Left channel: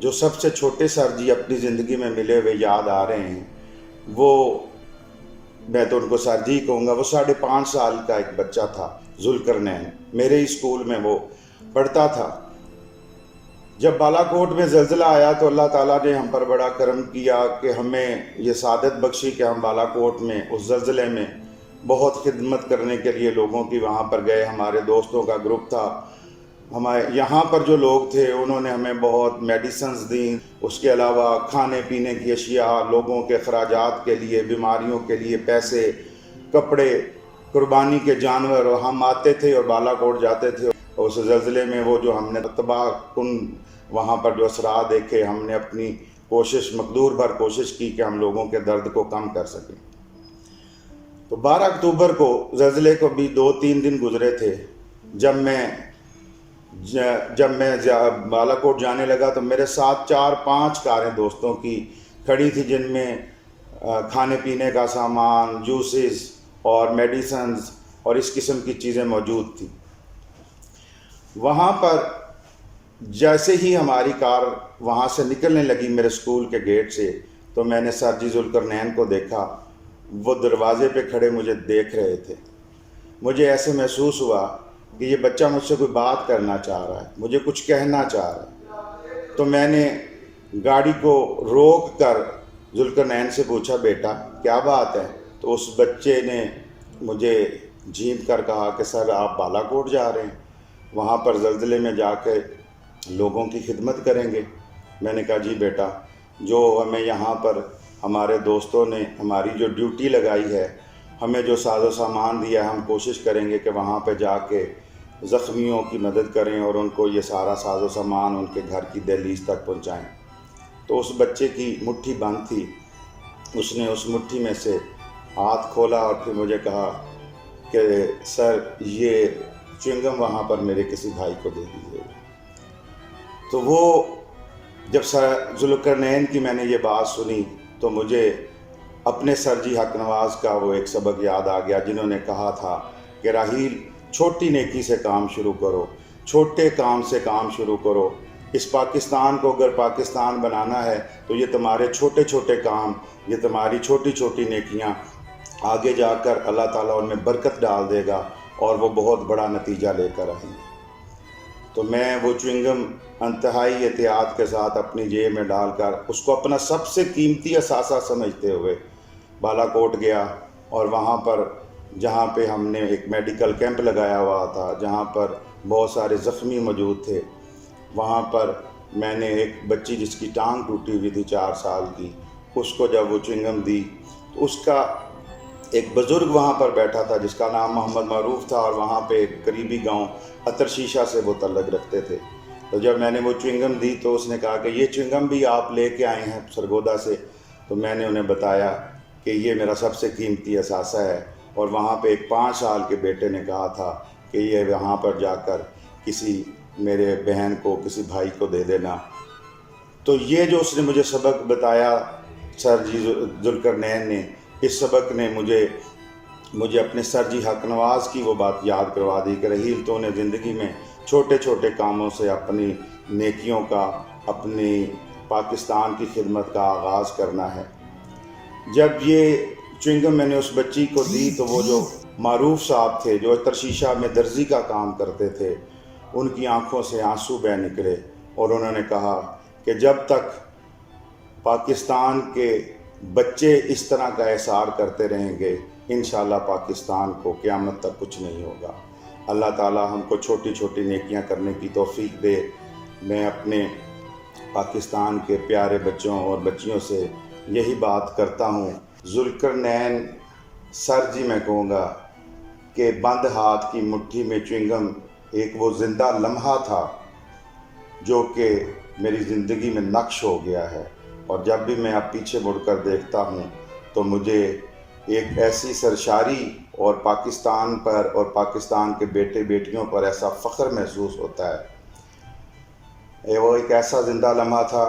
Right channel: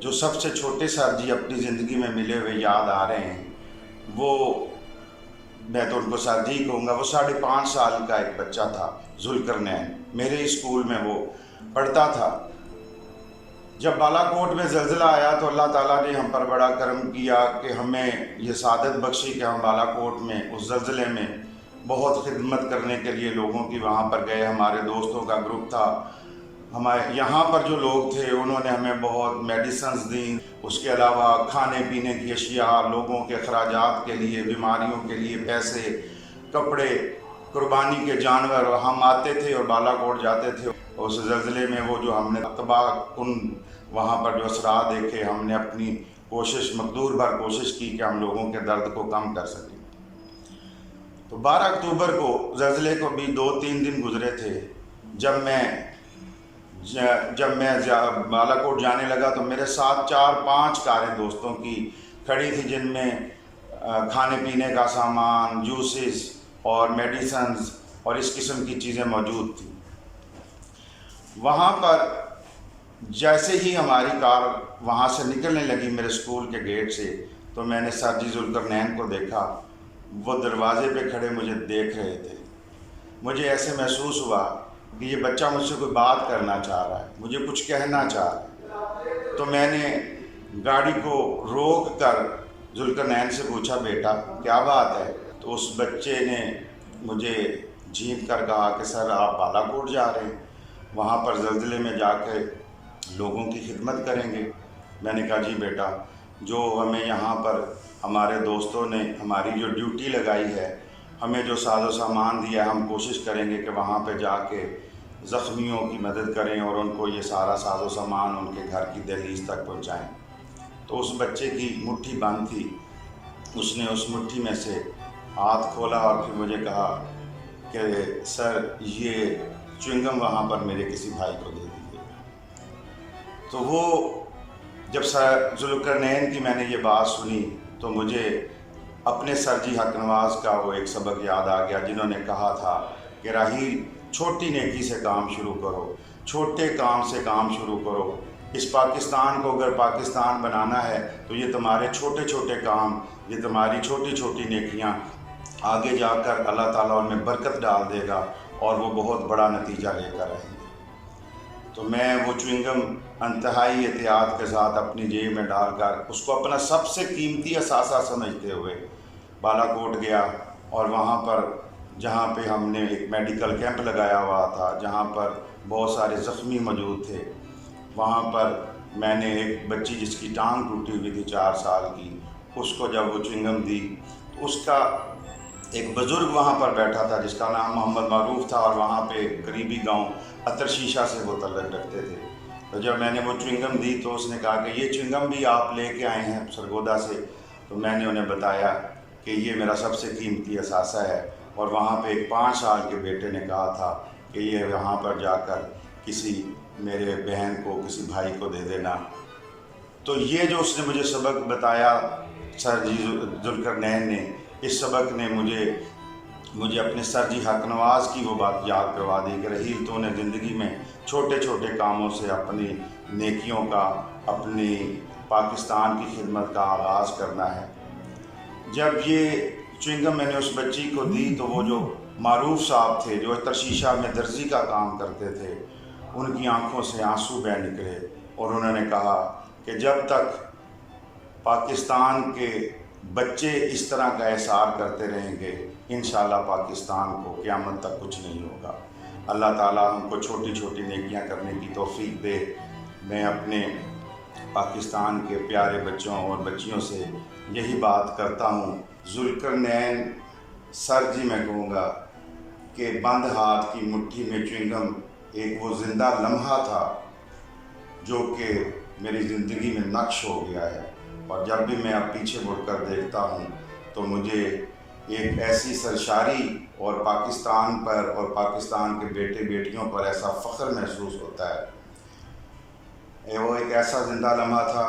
جو سب سے چھوٹے سر جی اپنی زندگی میں ملے ہوئے یاد آ رہے ہیں، وہ میں تو ان کو سر جی کہوں گا، وہ 5.5 سال کا ایک بچہ تھا، ذوالقرنین، میرے ہی اسکول میں وہ پڑھتا تھا۔ جب بالا کوٹ میں زلزلہ آیا تو اللہ تعالیٰ نے ہم پر بڑا کرم کیا کہ ہمیں یہ سعادت بخشی کہ ہم بالا کوٹ میں اس زلزلے میں بہت خدمت کرنے کے لیے لوگوں کی وہاں پر گئے۔ ہمارے دوستوں کا گروپ تھا، ہمارے یہاں پر جو لوگ تھے انہوں نے ہمیں بہت میڈیسنز دیں، اس کے علاوہ کھانے پینے کی اشیاء، لوگوں کے اخراجات کے لیے، بیماریوں کے لیے پیسے، کپڑے، قربانی کے جانور۔ اور ہم آتے تھے اور بالا کوٹ جاتے تھے، اس زلزلے میں وہ جو ہم نے تباہ کن وہاں پر جو اثرات دیکھے، ہم نے اپنی کوشش، مقدور بھر کوشش کی کہ ہم لوگوں کے درد کو کم کر سکیں۔ تو 12 اکتوبر کو زلزلے کو بھی 2-3 دن گزرے تھے، جب میں بالا کوٹ جانے لگا تو میرے ساتھ 4-5 کاریں دوستوں کی کھڑی تھی، جن میں کھانے پینے کا سامان، جوسز اور میڈیسنز اور اس قسم کی چیزیں موجود تھیں۔ وہاں پر جیسے ہی ہماری کار وہاں سے نکلنے لگی میرے اسکول کے گیٹ سے، تو میں نے سر جی ذوالقرنین کو دیکھا، وہ دروازے پہ کھڑے مجھے دیکھ رہے تھے۔ مجھے ایسے محسوس ہوا کہ یہ بچہ مجھ سے کوئی بات کرنا چاہ رہا ہے، مجھے کچھ کہنا چاہ رہا ہے۔ تو میں نے گاڑی کو روک کر ذوالقرنین سے پوچھا، بیٹا کیا بات ہے؟ تو اس بچے نے مجھے جھینک کر کہا کہ سر آپ بالا کوٹ جا رہے ہیں، وہاں پر زلزلے میں جا کے لوگوں کی خدمت کریں گے؟ میں نے کہا جی بیٹا، جو ہمیں یہاں پر ہمارے دوستوں نے ہماری جو ڈیوٹی لگائی ہے، ہمیں جو ساز و سامان دیا ہے، ہم کوشش کریں گے کہ وہاں پہ جا کے زخمیوں کی مدد کریں اور ان کو یہ سارا ساز و سامان ان کے گھر کی دہلیز تک پہنچائیں۔ تو اس بچے کی مٹھی بند تھی، اس نے اس مٹھی میں سے ہاتھ کھولا اور پھر مجھے کہا کہ سر یہ چوئنگم وہاں پر میرے کسی بھائی کو دے دیجیے۔ تو وہ جب سر ذوالقرنین کی میں نے یہ بات سنی تو مجھے اپنے سر جی حق نواز کا وہ ایک سبق یاد آ گیا، جنہوں نے کہا تھا کہ راحیل چھوٹی نیکی سے کام شروع کرو، چھوٹے کام سے کام شروع کرو۔ اس پاکستان کو اگر پاکستان بنانا ہے تو یہ تمہارے چھوٹے چھوٹے کام، یہ تمہاری چھوٹی چھوٹی نیکیاں آگے جا کر اللہ تعالیٰ ان میں برکت ڈال دے گا اور وہ بہت بڑا نتیجہ لے کر آئیں گے۔ تو میں وہ چوئنگم انتہائی احتیاط کے ساتھ اپنی جیب میں ڈال کر اس کو اپنا سب سے قیمتی اثاثہ سمجھتے ہوئے بالا کوٹ گیا، اور وہاں پر جہاں پہ ہم نے ایک میڈیکل کیمپ لگایا ہوا تھا، جہاں پر بہت سارے زخمی موجود تھے، وہاں پر میں نے ایک بچی جس کی ٹانگ ٹوٹی ہوئی تھی 4 سال کی، اس کو جب وہ چوئنگم دی تو اس کا ایک بزرگ وہاں پر بیٹھا تھا جس کا نام محمد معروف تھا، اور وہاں پہ قریبی گاؤں اتر شیشہ سے وہ تعلق رکھتے تھے۔ تو جب میں نے وہ چوئنگم دی تو اس نے کہا کہ یہ چوئنگم بھی آپ لے کے آئے ہیں سرگودا سے؟ تو میں نے انہیں بتایا کہ یہ میرا سب سے قیمتی اثاثہ ہے، اور وہاں پہ ایک 5 سال کے بیٹے نے کہا تھا کہ یہ وہاں پر جا کر کسی میرے بہن کو، کسی بھائی کو دے دینا۔ تو یہ جو اس نے مجھے سبق بتایا سر جی ذوالقرنین نے، اس سبق نے مجھے اپنے سر جی حق نواز کی وہ بات یاد کروا دی کہ رحیل تو نے زندگی میں چھوٹے چھوٹے کاموں سے اپنی نیکیوں کا، اپنی پاکستان کی خدمت کا آغاز کرنا ہے۔ جب یہ چوئنگم میں نے اس بچی کو دی تو وہ جو معروف صاحب تھے جو اتر شیشہ میں درزی کا کام کرتے تھے، ان کی آنکھوں سے آنسو بہہ نکلے، اور انہوں نے کہا کہ جب تک پاکستان کے بچے اس طرح کا احسار کرتے رہیں گے، انشاءاللہ پاکستان کو قیامت تک کچھ نہیں ہوگا۔ اللہ تعالیٰ ہم کو چھوٹی چھوٹی نیکیاں کرنے کی توفیق دے۔ میں اپنے پاکستان کے پیارے بچوں اور بچیوں سے یہی بات کرتا ہوں، ذوالقرنین سر جی میں کہوں گا کہ بند ہاتھ کی مٹھی میں چوئنگم ایک وہ زندہ لمحہ تھا جو کہ میری زندگی میں نقش ہو گیا ہے، اور جب بھی میں اب پیچھے مڑ کر دیکھتا ہوں تو مجھے ایک ایسی سرشاری اور پاکستان پر اور پاکستان کے بیٹے بیٹیوں پر ایسا فخر محسوس ہوتا ہے۔ وہ ایک ایسا زندہ لمحہ تھا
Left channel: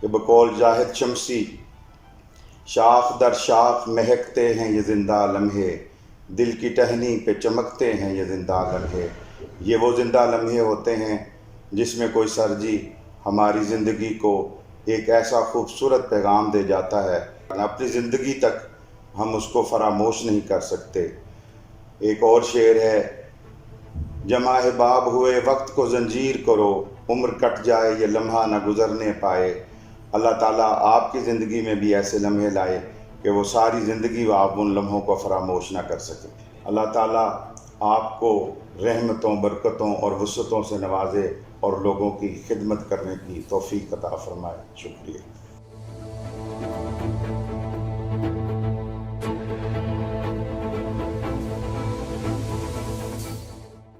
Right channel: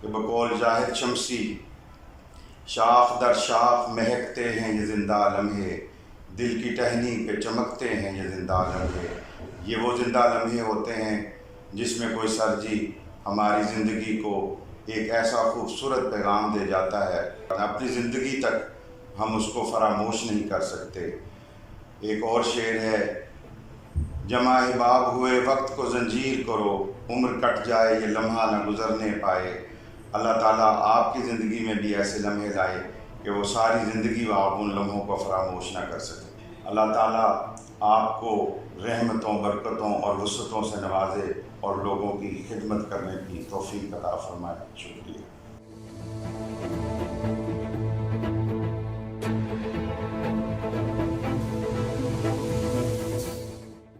کہ بقول جاہد شمسی شاخ در شاخ مہکتے ہیں یہ زندہ لمحے، دل کی ٹہنی پہ چمکتے ہیں یہ زندہ لمحے۔ یہ وہ زندہ لمحے ہوتے ہیں جس میں کوئی سر جی ہماری زندگی کو ایک ایسا خوبصورت پیغام دے جاتا ہے، اپنی زندگی تک ہم اس کو فراموش نہیں کر سکتے۔ ایک اور شعر ہے، جمع احباب ہوئے وقت کو زنجیر کرو، عمر کٹ جائے یہ لمحہ نہ گزرنے پائے۔ اللہ تعالیٰ آپ کی زندگی میں بھی ایسے لمحے لائے کہ وہ ساری زندگی وہ آپ ان لمحوں کو فراموش نہ کر سکیں۔ اللہ تعالیٰ آپ کو رحمتوں، برکتوں اور وسعتوں سے نوازے اور لوگوں کی خدمت کرنے کی توفیق عطا فرمائے۔ شکریہ۔